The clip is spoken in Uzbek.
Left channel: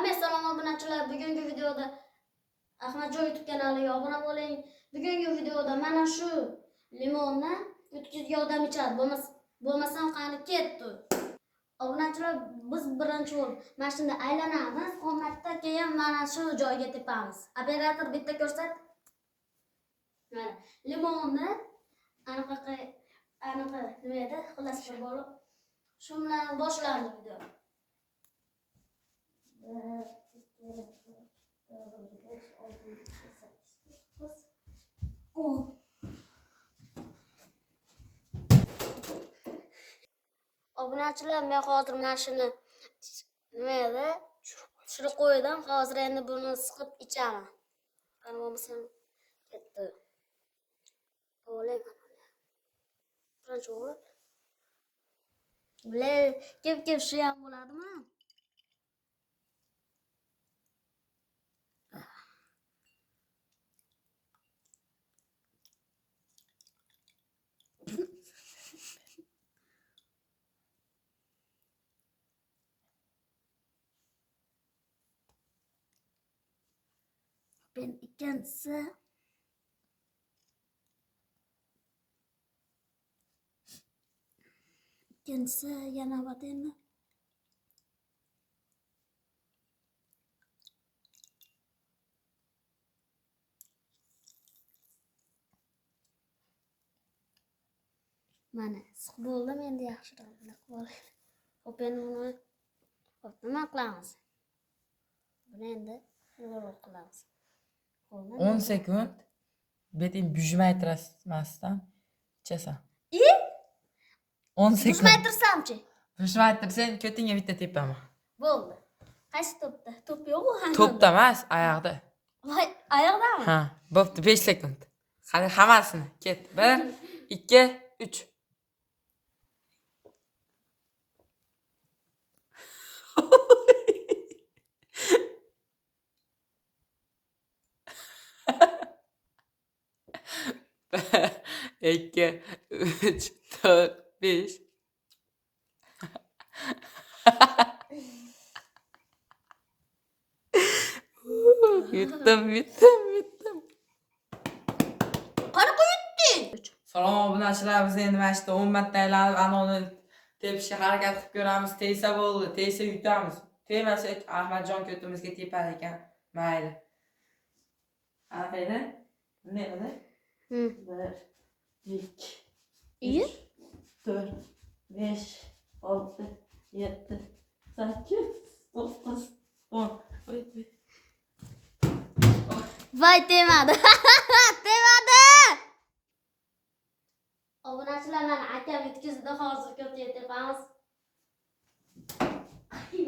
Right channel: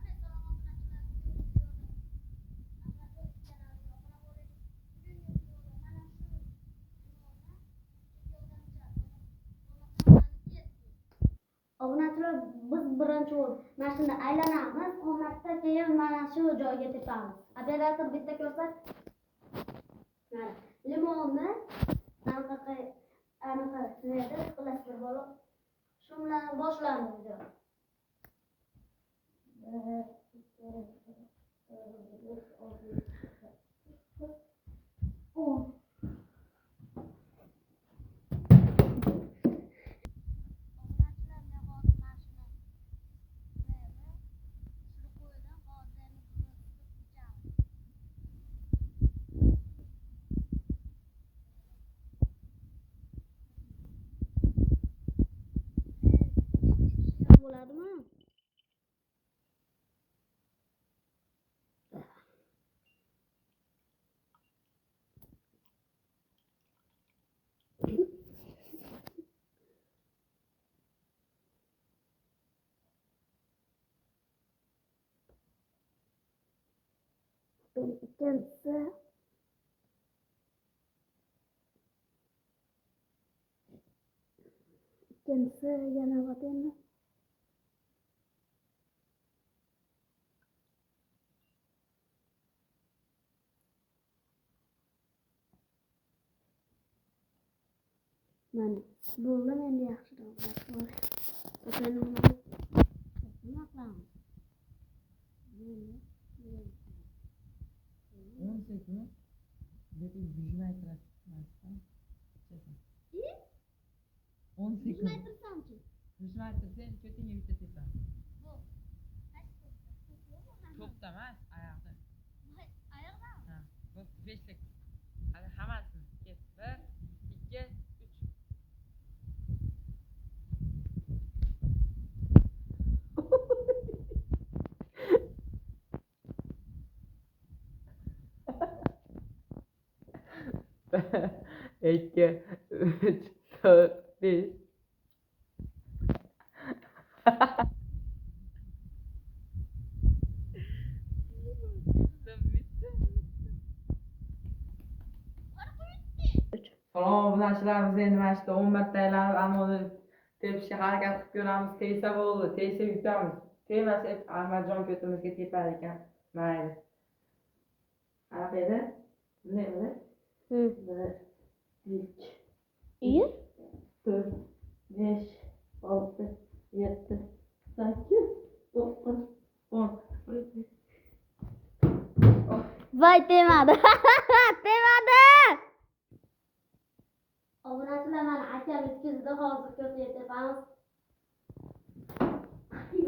Assalomu obunachilar, bugungi videoda Ahmadjon YouTube kanaliga obuna bo'ling. Bugungi videoda mana shu limonni o'tkazgan odam ichadi. Bo'lmasam qani ketdi. Obunachilar, biz birinchi bo'lib mashina aylanamiz, qo'matda keyin mana shu joyga tepamiz. Operator bitta ko'rsat. Mana limonni anaqa nimada xullas bir bo'lib shu bilan boshlandi video. Obunachilar, men hozir mashina nimada tushirib qo'ydim. Hozir endi buni siqib ichaman. Qani bo'lmasam ketdi. O'layman. Birinchi bo'lib. Kep shu ham bo'ladimi? Ben ikkinchisi yana bor endi. Mana bo'ldi, endi yaxshiroq bo'ldi. Nima qilamiz? Buni endi to'g'ri qilamiz. 10 sekund beting bujmaytirmasdan ichasan. 10 sekund. Bujmaytirsamchi? Bujmaytirsang ko'tingga bitta tepaman. Bo'ldi. Qaysi to'pda? To'p yo'q-ku hamma. To'pda emas, oyoqda. Voy, oyoqdami? Ha, bo'pti, 5 sekund. Hadi hammasini ket. 1, 2, 3. İki, üç, dört, beş. Bittim. Qani qo'yibdi? Salom obunachilar, biz endi mana shu 10 marta aylanib anoni tepishga harakat qilib ko'ramiz. Tegsa bo'ldi, tegsa yutamiz. Tegmasa Ahmadjon ko'timizga tepar ekan. Mayli. Anaqa edi. Bunday edi. 1, 2, 3, 4, 5, 6, 7, 8, 9, 10. Voy, temadi. Temadi. Obunachilar, mana akam yetkazdi, hozir ko'tga tepamiz.